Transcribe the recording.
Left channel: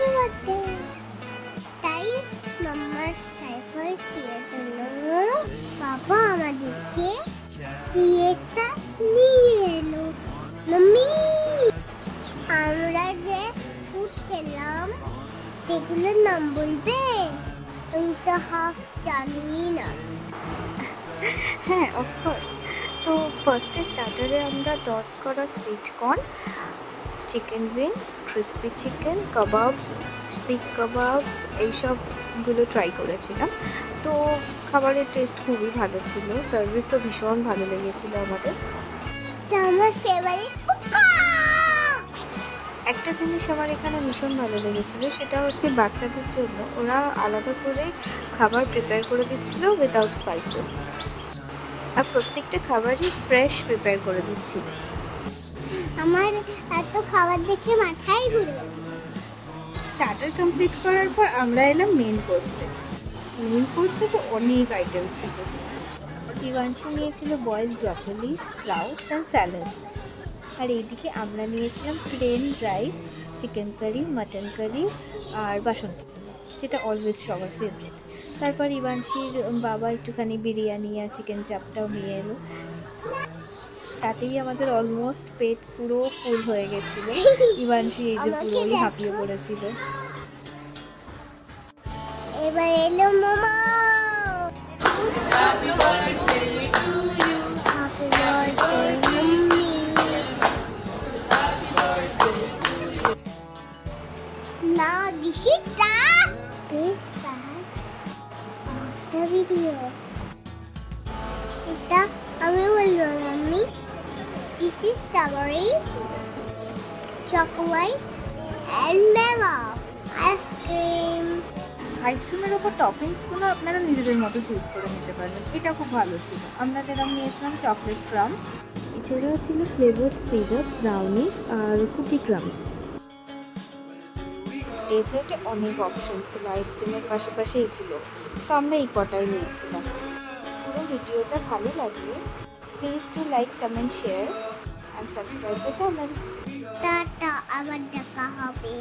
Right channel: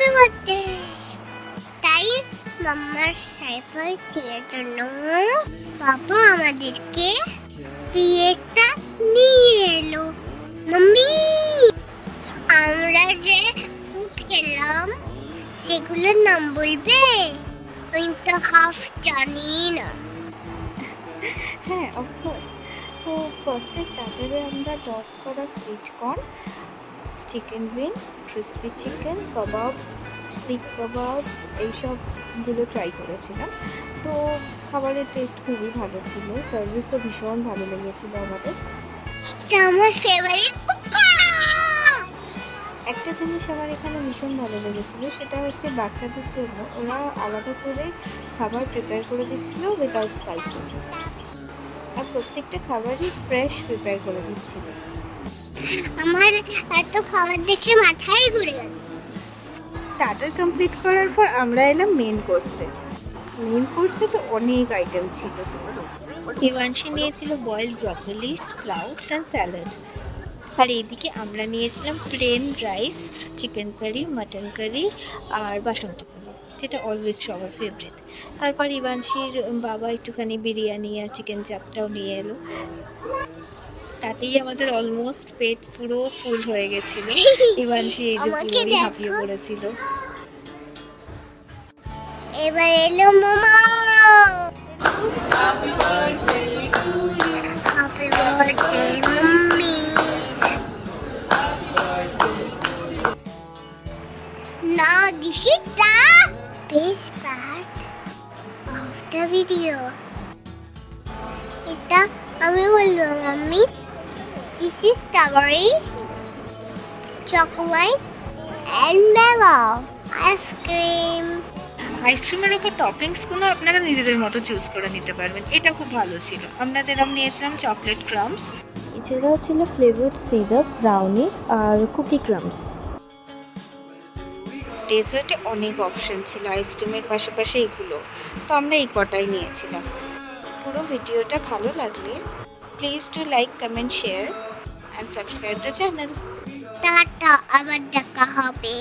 Happy birthday. তাই মাম্মার সারপ্রাইজের জন্য বাবা আমাদেরকে ফিয়েস্তা নিয়ে এলো। মাম্মি, আমরা যে ফুড খেলাম সেগুলোর নাম বলবে? আমি তো হাফ জানি না। হ্যাঁ, অফকোর্স। তো ফার্স্টে স্টার্টারে আমরা টস করা sweet corn, chicken wings, crispy chicken, kebabs, seekh kebabs এইসবগুলো ট্রাই করেছিলাম। তো খাবারের টেস্ট খুবই ভালো ছিল, সার্ভিসও ভীষণ ভালো লেগেছিলো আমাদের। এটা আমার ফেভারিট পোকা। একটা জিনিস আমার এখানে ভীষণ ভালো লেগেছিলো, সেটা হচ্ছে বাচ্চাদের জন্য ওরা আলাদা করে খাবার প্রিপেয়ার করে দিচ্ছিলো উইদাউট স্পাইসেস, আর প্রত্যেকটা খাবারই ফ্রেশ প্রিপেয়ার করে দিচ্ছিল। আমার এত খাবার দেখে মাথায় ঘুরে গেল। স্টার্টার কমপ্লিট করার পর আমরা এলাম মেন কোর্সে। মেন কোর্সে তো অনেক আইটেম ছিল। হিমাংশী নিয়েছিল boiled broccoli, sprouts and salad, আর এইদিকে আমরা নিয়েছিলাম plain rice, chicken curry, mutton curry আর বাসন্তী পোলাও, যেটা অলওয়েজ সবার ফেভারিট। তারপর ইভানশির বাবা একটুখানি বিরিয়ানি আর চিকেন চাপটাও নিয়ে এলো। তাতেই আমাদের অলমোস্ট পেট পুরো ফুল হয়ে গেছিল। ইভানশি এই যে পুরোই হাঁপিয়ে পড়েছিল। এবার এলো momo. Happy birthday mummy. Now this is the best part of the video. এটা আমি বলবো mummy, this is strawberry, chocolate and vanilla ice cream. আইসক্রিমের ওপর টপিংসগুলো আপনারা নিজেদের মতো চুজ করে নিতে পারবেন, এটা খুব ভালো ছিল। আমরা যেরকম নিয়েছিলাম চকলেট ক্রাম্বস, এছাড়াও ছিল ফ্লেভার্ড সিরাপ, ব্রাউনিস আর কুকি ক্রাম্বস। ডেজার্টে অনেক অপশন ছিল আইসক্রিমের পাশাপাশি এগুলো, তো আমরা এই কটাই নিয়েছিলাম। পুরো ভিডিওটা ভালো লাগলে please to like, comment, share and subscribe the channel. Tata, আবার দেখা হবে।